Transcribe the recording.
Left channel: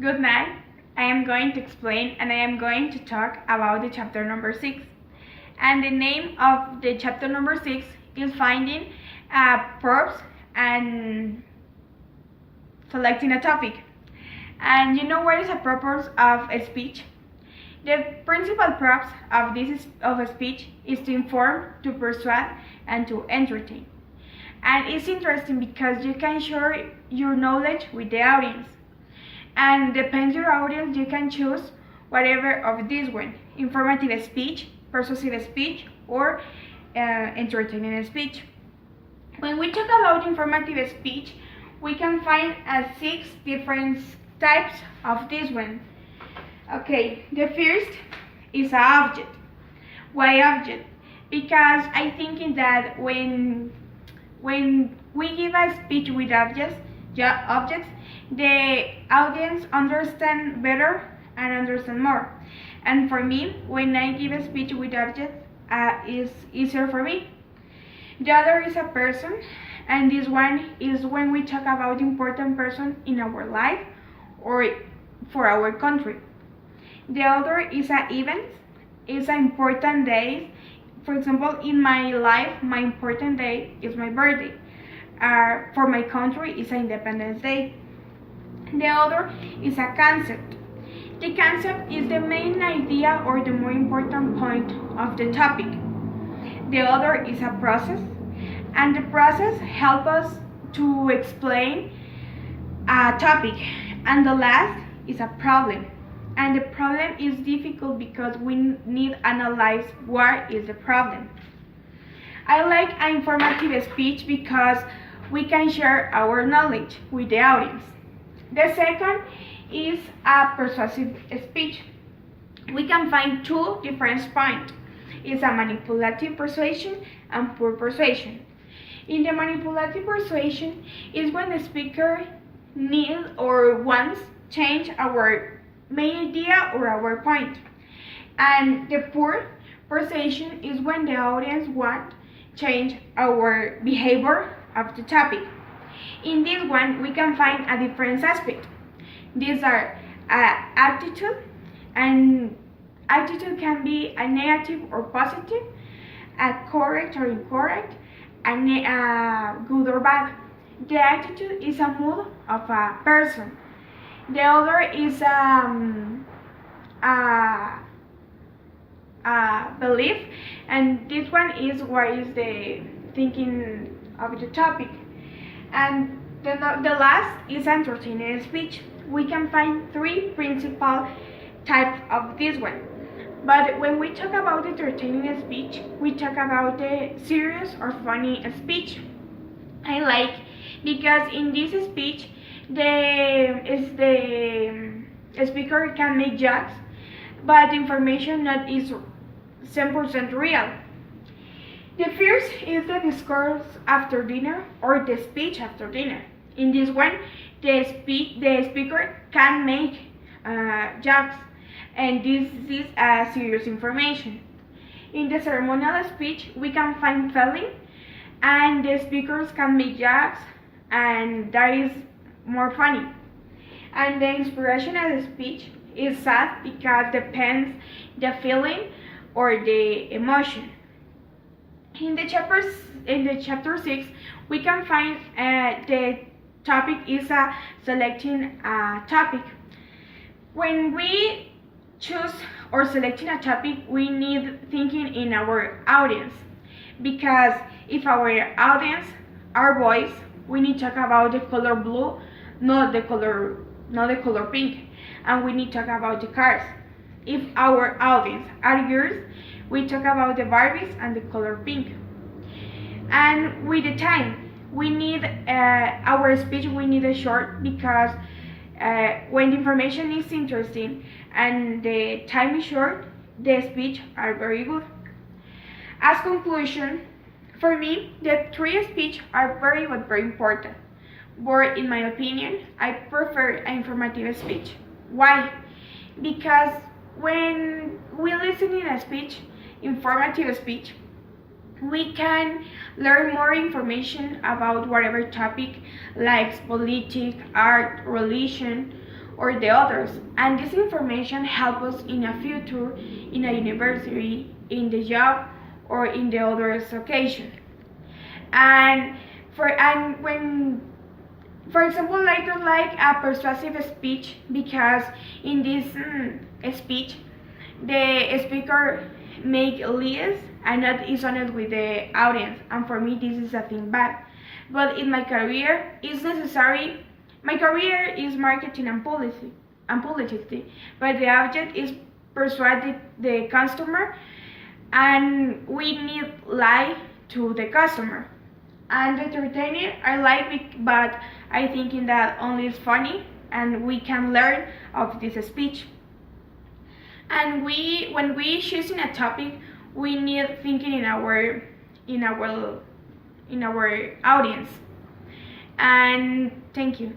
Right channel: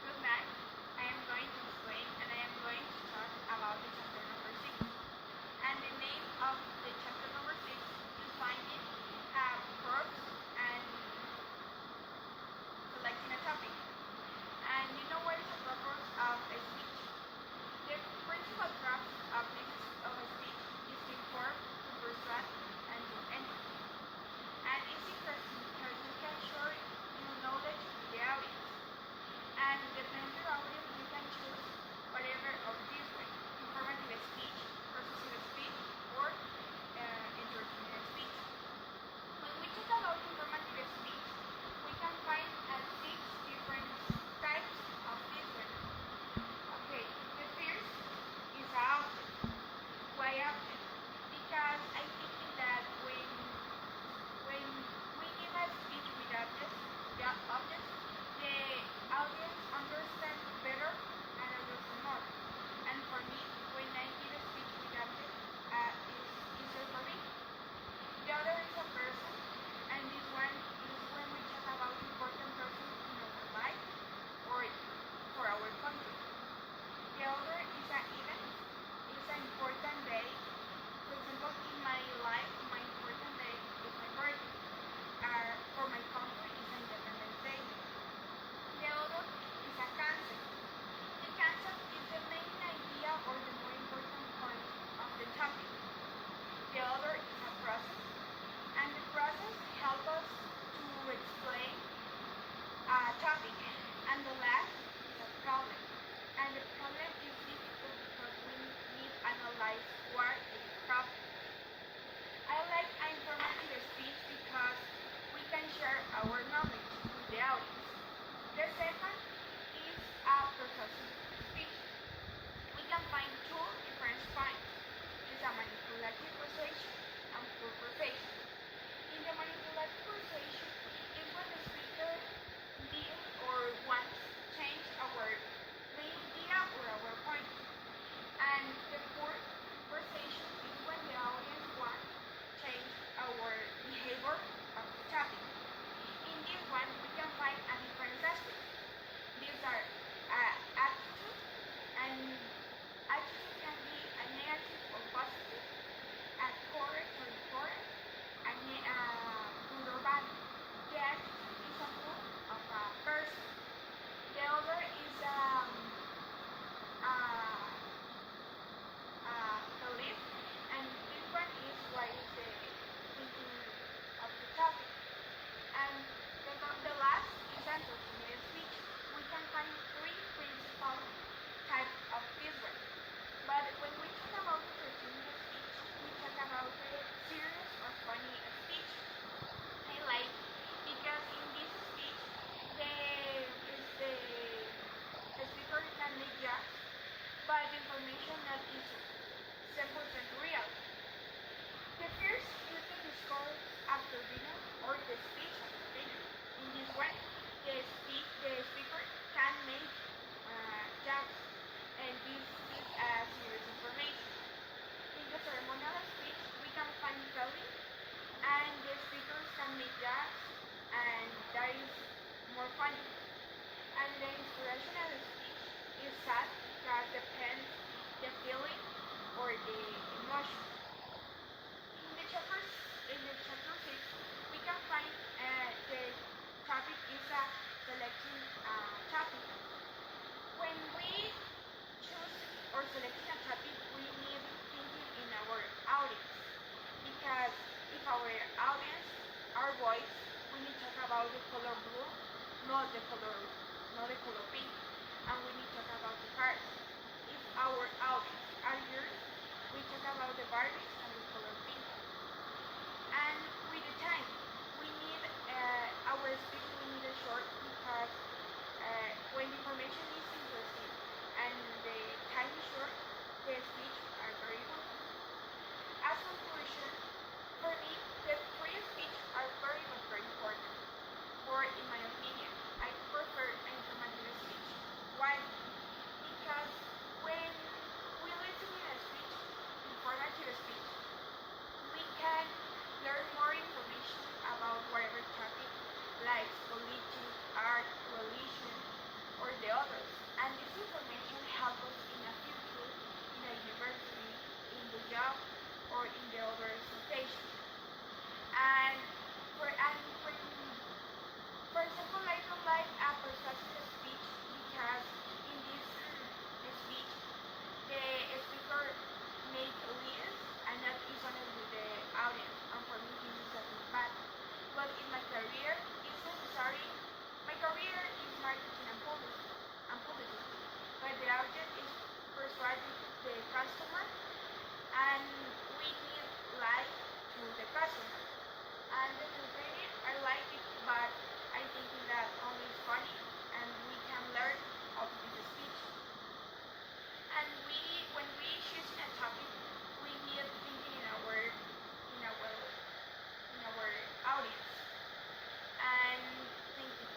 Good night. I am going to explain and I am going to talk about the chapter number 6. And the name of the chapter number 6 is finding verbs and selecting a topic. And you know what is the purpose of a speech? The principal purpose of a speech is to inform, to persuade, and to entertain. And it's interesting because you can share your knowledge with the audience. And depends your audience, you can choose whatever of this one: informative speech, persuasive speech, or entertaining speech. When we talk about informative speech, we can find 6 different types of this one. Okay, the first is an object. Why object? Because I think that when we give a speech with objects, the audience understand better and understand more. And for me, when I give a speech with objects, is easier for me. The other is a person, and this one is when we talk about important person in our life or for our country. The other is an event, is an important day. For example, in my life, my important day is my birthday. For my country, it's Independence Day. The other is a concept. The concept is the main idea or the more important point of the topic. The other is a process, and the process helps us to explain a topic. And the last is a problem. And the problem is difficult because we need to analyze what is the problem. I like an informative speech because we can share our knowledge with the audience. The second is a persuasive speech. We can find 2 different points. It's a manipulative persuasion and pure persuasion. In the manipulative persuasion is when the speaker needs or wants change our main idea or our point. And the pure persuasion is when the audience wants change our behavior of the topic. In this one, we can find a different aspect. These are attitude, and attitude can be a negative or positive, a correct or incorrect, a good or bad. The attitude is a mood of a person. The other is a belief, and this one is what is the thinking of the topic. And the last is entertaining speech. We can find 3 principal types of this one. But when we talk about entertaining speech, we talk about the serious or funny speech. I like because in this speech, the speaker can make jokes, but the information not is 100% real. The first is the discourse after dinner or the speech after dinner. In this one, the speaker can make jokes, and this is serious information. In the ceremonial speech, we can find feeling, and the speakers can make jokes, and that is more funny. And the inspirational speech is sad because depends the feeling or the emotion. In the chapter 6, we can find the topic is selecting a topic. When we choose or selecting a topic, we need thinking in our audience, because if our audience are boys, we need to talk about the color blue, not the color pink, and we need to talk about the cars. If our audience are girls, we talk about the Barbies and the color pink. And with the time, we need our speech. We need a short because when the information is interesting and the time is short, the speech are very good. As conclusion, for me, the 3 speech are very but very important. But in my opinion, I prefer an informative speech. Why? Because when we listen in a speech, informative speech, we can learn more information about whatever topic, like politics, art, religion, or the others, and this information helps us in a future, in a university, in the job, or in the other occasion. And when, for example, I don't like a persuasive speech because in this speech the speaker make lies and not is honest with the audience, and for me this is a thing bad. But in my career it's necessary. My career is marketing and publicity, but the object is persuade the customer, and we need lie to the customer. And entertaining I like it, but I think that only is funny and we can learn of this speech. And when we choosing a topic, we need thinking in our audience. And thank you.